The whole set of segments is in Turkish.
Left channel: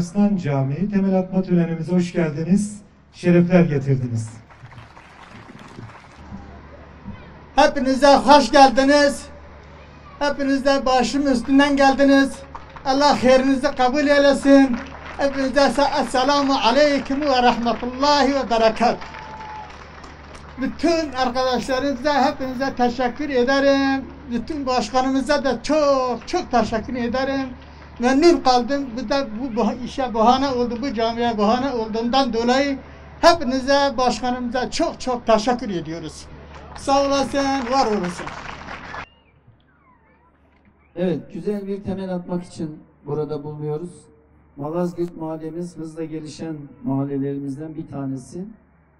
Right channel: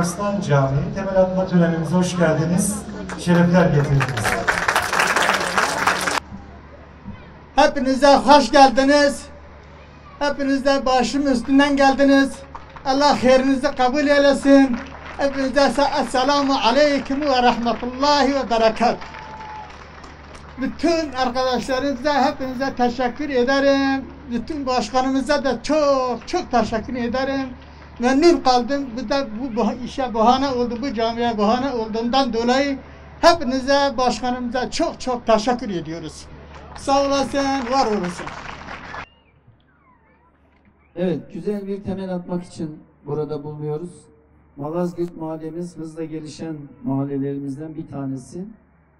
Arslan Camii temel atma törenimize hoş geldiniz, şerefler getirdiniz. Hepinize hoş geldiniz. Hepiniz de başım üstünden geldiniz. Allah hayrınızı kabul eylesin. Hepinize esselamu aleyküm ve rahmetullahi ve berekat. Bütün arkadaşlarımıza hepinize teşekkür ederim. Bütün başkanımıza da çok teşekkür ederim. Memnun kaldım. Bu işe bahane oldu, bu camiye bahane olduğundan dolayı hepinize, başkanımıza çok teşekkür ediyoruz. Sağ olasın, var olasın. Evet, güzel bir temel atmak için burada bulunuyoruz. Malazgirt mahallemiz hızla gelişen mahallelerimizden bir tanesi.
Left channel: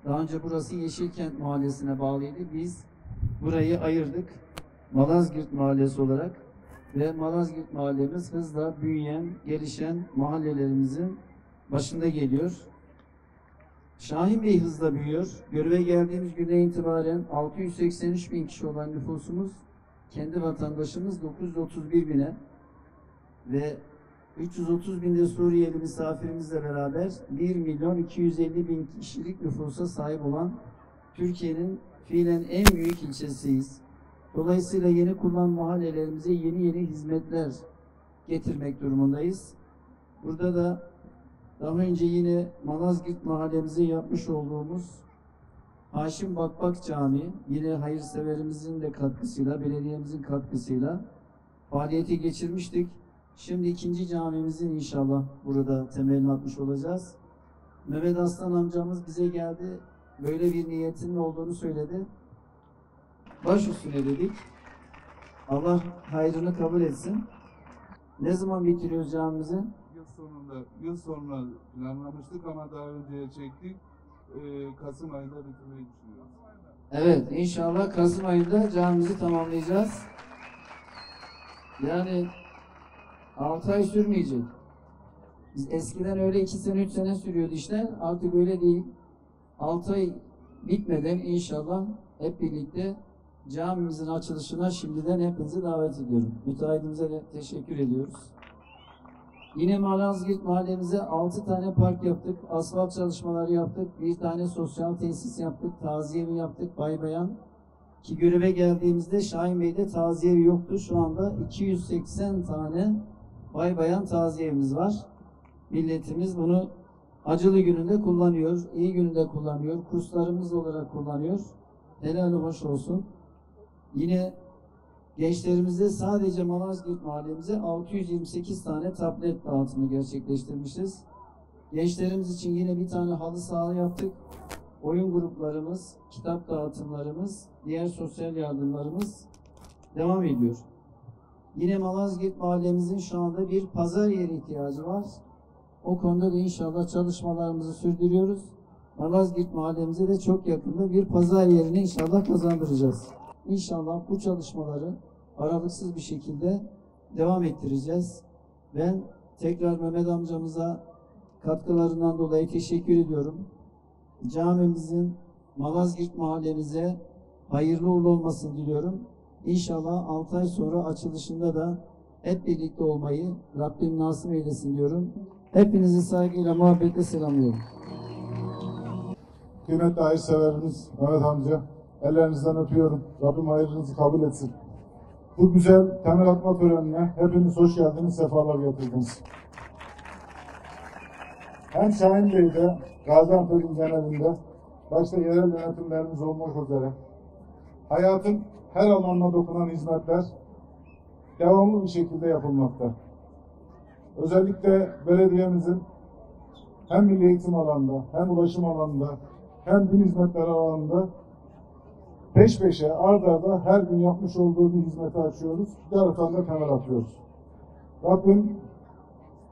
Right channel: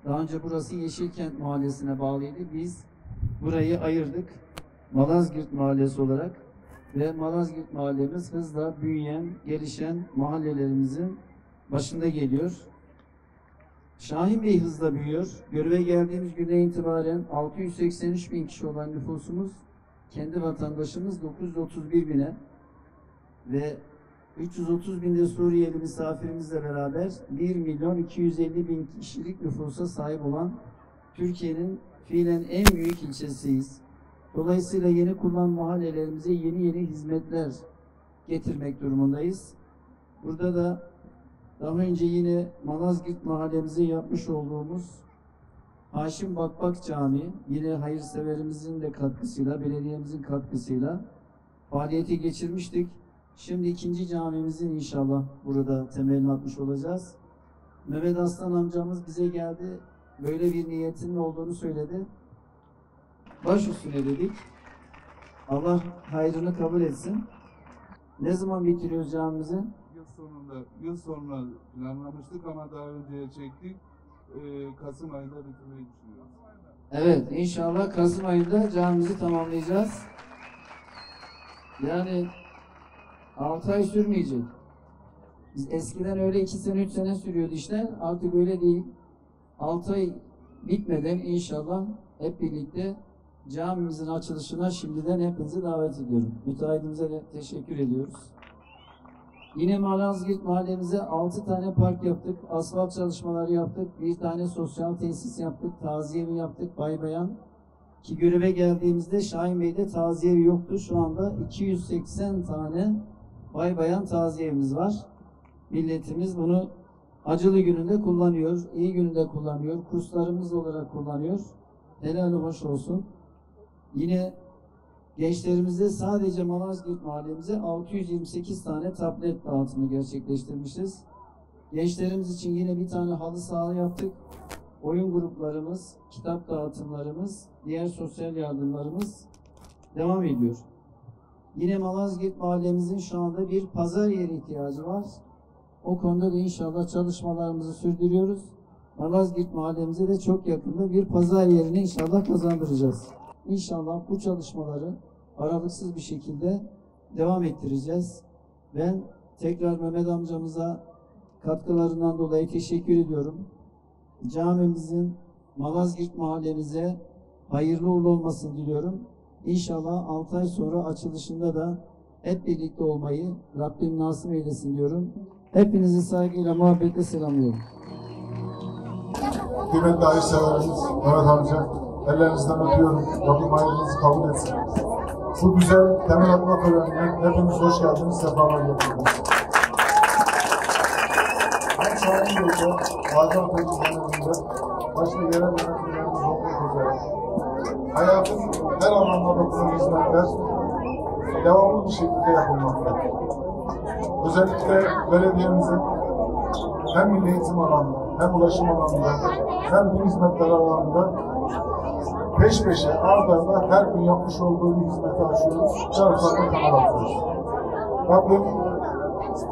Daha önce burası Yeşilkent Mahallesi'ne bağlıydı. Biz burayı ayırdık Malazgirt Mahallesi olarak ve Malazgirt mahallemiz hızla büyüyen, gelişen mahallelerimizin başında geliyor. Şahin Bey hızla büyüyor. Göreve geldiğimiz günden itibaren 683 bin kişi olan nüfusumuz, kendi vatandaşımız 931 bine ve 330 binde Suriyeli misafirimizle beraber 1 milyon 250 bin kişilik nüfusa sahip olan Türkiye'nin fiilen en büyük ilçesiyiz. Dolayısıyla yeni kurulan mahallelerimize yeni hizmetler getirmek durumundayız. Burada da daha önce yine Malazgirt mahallemize yapmış olduğumuz Haşim Bakbak Camii, yine hayırseverimizin de katkısıyla, belediyemizin katkısıyla faaliyete geçirmiştik. Şimdi ikinci camimizin inşallah burada temelini atmış olacağız. Mehmet Aslan amcamız bize geldi, böyle bir niyetinin olduğunu söyledi. Baş üstüne dedik. Allah hayrını kabul etsin. Ne zaman bitiriyoruz camimizi? Yıl sonuna planlamıştık ama daha önceye çektik. Kasım ayında bitirmeyi düşünüyoruz. Evet, inşallah Kasım ayında camimizi tamamlayacağız. Yani 6 ay sürmeyecek. Biz eskiden öyle 2 sene 3 sene sürüyordu işler. Artık öyle değil. 6 ay bitmeden inşallah hep birlikte camimizin açılışına şimdiden hepinizi davet ediyorum. Müteahhitimize de teşekkür ediyoruz. Yine Malazgirt mahallemize 6 tane park yaptık, asfalt çalışmaları yaptık, bir tane sosyal tesis yaptık, taziye evi yaptık, bay bayan. Ki göreve geldiğimizde Şahin Bey'de taziye evi yoktu. Şu anda 280 tane bay bayan taziye evimiz var. Milletimiz bunu acılı gününde kullanıyor, iyi gününde kullanıyor, kurslarımız olarak kullanıyor. Helal hoş olsun. Yine gençlerimizde sadece Malazgirt mahallemize 628 tane tablet dağıtımı gerçekleştirmişiz. Gençlerimiz için yine bir tane halı saha yaptık. Oyun gruplarımız, kitap dağıtımlarımız, diğer sosyal yardımlarımız devam ediyor. Yine Malazgirt mahallemizin şu anda bir pazar yeri ihtiyacı var. O konuda da inşallah çalışmalarımızı sürdürüyoruz. Malazgirt mahallemize de çok yakında bir pazar yerini inşallah kazandıracağız. İnşallah bu çalışmaları aralıksız bir şekilde devam ettireceğiz. Ben tekrar Mehmet amcamıza katkılarından dolayı teşekkür ediyorum. Camimizin Malazgirt mahallemize hayırlı uğurlu olmasını diliyorum. İnşallah 6 ay sonra açılışında da hep birlikte olmayı Rabbim nasip eylesin diyorum. Hepinizi saygıyla, muhabbetle selamlıyorum. Kıymetli hayırseverimiz Mehmet amca, ellerinizden öpüyorum. Rabbim hayırınızı kabul etsin. Bu güzel temel atma törenine hepiniz hoş geldiniz, sefalar getirdiniz. Hem Şahin Bey'de, Gaziantep Zaneli'nde başka yerel yönetimlerimiz olmuş üzere hayatın her alanda dokunan hizmetler devamlı bir şekilde yapılmakta. Özellikle belediyemizin hem milli eğitim alanında, hem ulaşım alanında, hem bu hizmetler alanında peş peşe, arda her gün yapmış olduğu bir hizmeti açıyoruz, yarıflarını kanal atıyoruz. Rabbim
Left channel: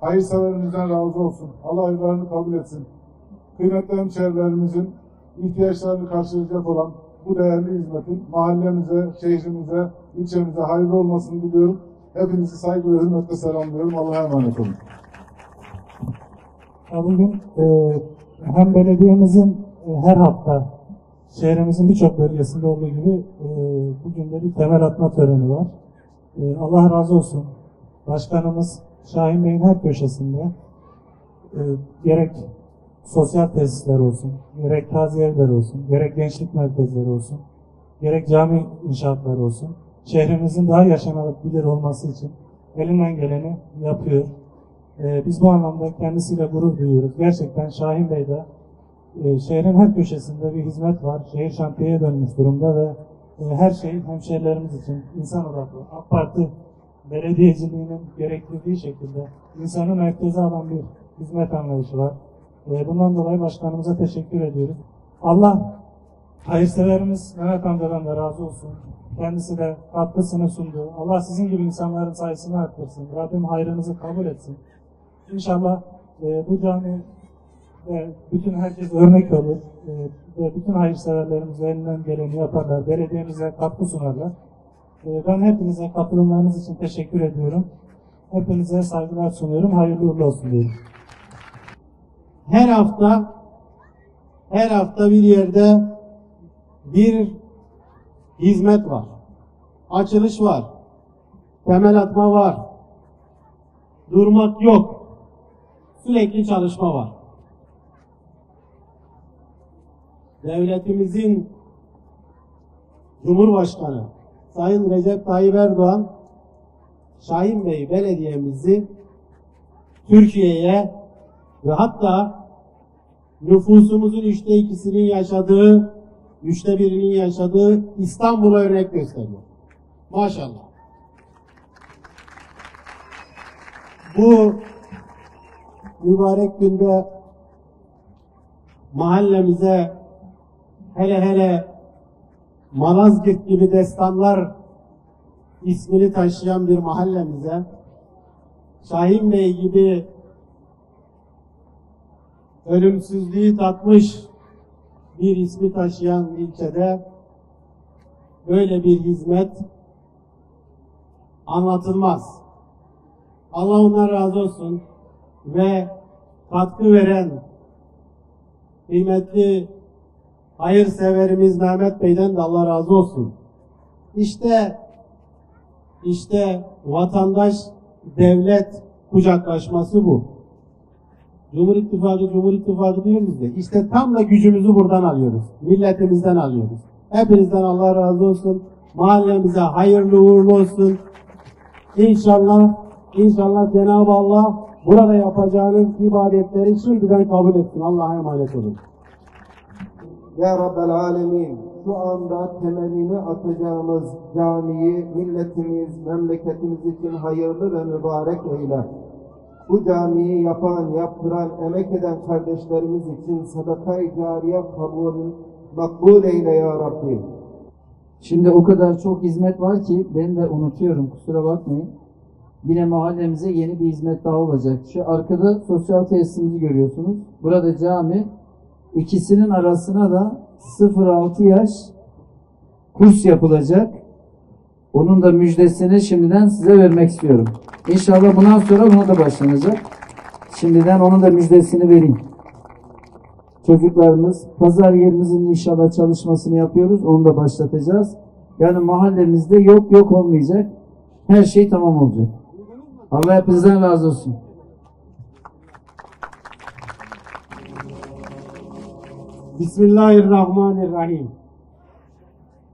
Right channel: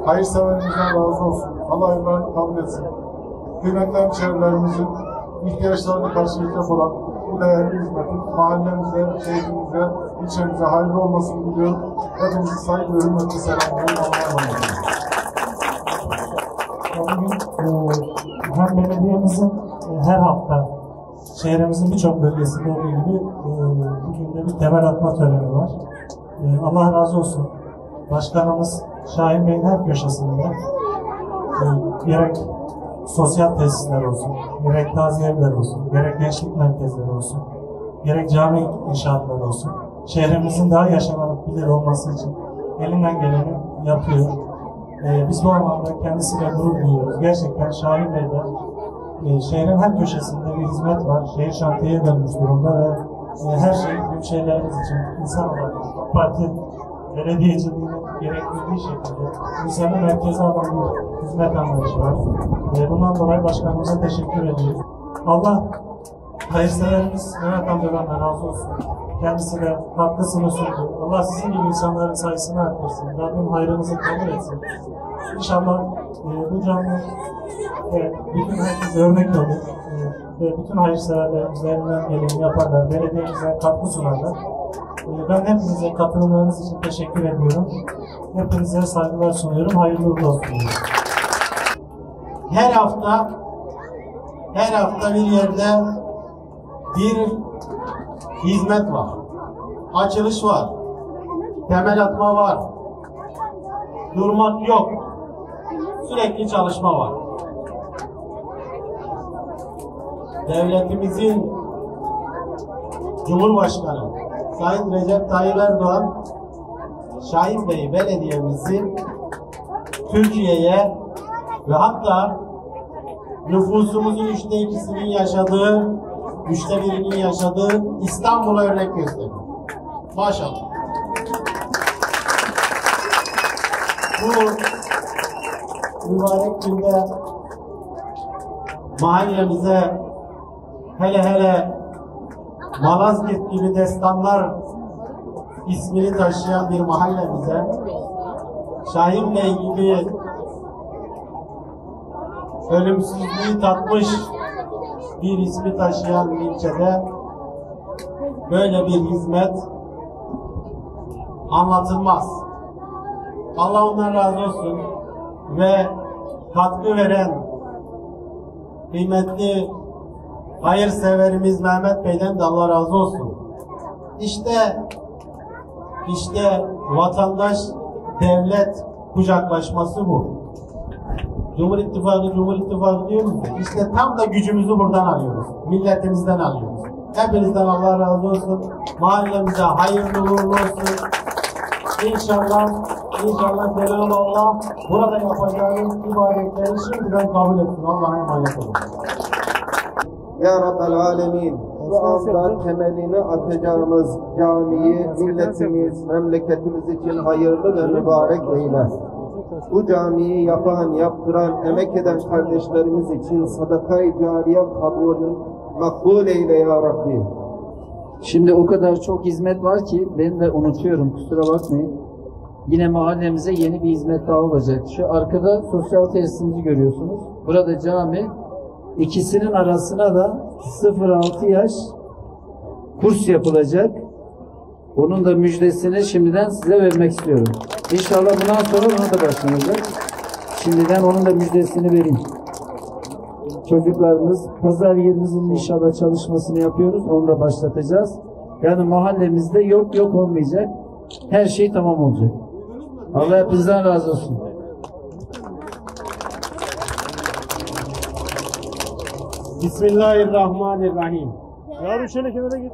hayırseverimizden razı olsun, Allah hayırlarını kabul etsin. Kıymetli hemşehrilerimizin ihtiyaçlarını karşılayacak olan bu değerli hizmetin mahallemize, şehrimize, ilçemize hayırlı olmasını diliyorum. Hepinizi saygı ve hürmetle selamlıyorum. Allah'a emanet olun. Bugün hem belediyemizin her hafta şehrimizin birçok bölgesinde olduğu gibi bugün de bir temel atma töreni var. Allah razı olsun. Başkanımız Şahin Bey'in her köşesinde gerek sosyal tesisler olsun, gerek taziye evleri olsun, gerek gençlik merkezleri olsun, gerek cami inşaatları olsun, şehrimizin daha yaşanabilir olması için elinden geleni yapıyor. Biz bu anlamda kendisiyle gurur duyuyoruz. Gerçekten Şahin Bey'de şehrin her köşesinde bir hizmet var. Şehir şantiyeye dönmüş durumda ve her şey büyük şeylerimiz için insan olarak parti belediyeciliğinin gerektirdiği şekilde insanın merkeze alan bir hizmet anlayışı var. Bundan dolayı başkanımıza teşekkür ediyoruz. Allah hayırseverimiz Mehmet amcadan da razı olsun. Kendisine katkısını sundu. Allah sizin gibi insanların sayısını arttırsın. Rabbim hayrınızı kabul etsin. İnşallah bu cami bütün herkes örnek olur. Ve bütün hayırseverlerimiz elinden geleni yaparlar. Belediyemize katkı sunarlar. Ben hepinize katılımlarınız için teşekkür ediyorum. Hepinize saygılar sunuyorum. Hayırlı uğurlu olsun. Her hafta bir yerde bir hizmet var. Açılış var. Temel atma var. Durmak yok. Sürekli çalışma var. Devletimizin Cumhurbaşkanı Sayın Recep Tayyip Erdoğan, Şahin Bey belediyemizi Türkiye'ye ve hatta nüfusumuzun 2/3'ünün yaşadığı, 1/3'ünün yaşadığı İstanbul'a örnek gösteriyor. Maşallah. Bu mübarek günde mahallemize, hele Malazgirt gibi destanlar ismini taşıyan bir mahallemize, Şahin Bey gibi ölümsüzlüğü tatmış bir ismi taşıyan bir ilçede böyle bir hizmet anlatılmaz. Allah ondan razı olsun ve katkı veren kıymetli hayırseverimiz Mehmet Bey'den de Allah razı olsun. İşte vatandaş devlet kucaklaşması bu. Cumhur İttifakı diyoruz ya. İşte tam da gücümüzü buradan alıyoruz. Milletimizden alıyoruz. Hepinizden Allah razı olsun. Mahallemize hayırlı uğurlu olsun. İnşallah Cenab-ı Allah burada yapacağımız ibadetleri şimdiden kabul etsin. Allah'a emanet olun. Ya Rabbel Alemin, şu anda temelini atacağımız camiyi milletimiz, memleketimiz için hayırlı ve mübarek eyle. Bu camiyi yapan, yaptıran, emek eden kardeşlerimiz için sadaka-i cariye makbul eyle ya Rabbi. Şimdi o kadar çok hizmet var ki ben de unutuyorum, kusura bakmayın. Yine mahallemize yeni bir hizmet daha olacak. Şu arkada sosyal tesisimizi görüyorsunuz. Burada cami, ikisinin arasına da 0-6 yaş kurs yapılacak. Onun da müjdesini şimdiden size vermek istiyorum. İnşallah bundan sonra buna da başlanacak. Şimdiden onun da müjdesini vereyim. Çocuklarımız, pazar yerimizin inşallah çalışmasını yapıyoruz. Onu da başlatacağız. Yani mahallemizde yok olmayacak. Her şey tamam olacak. Allah hepinizden razı olsun. Bismillahirrahmanirrahim. Yarın şöyle kenara git.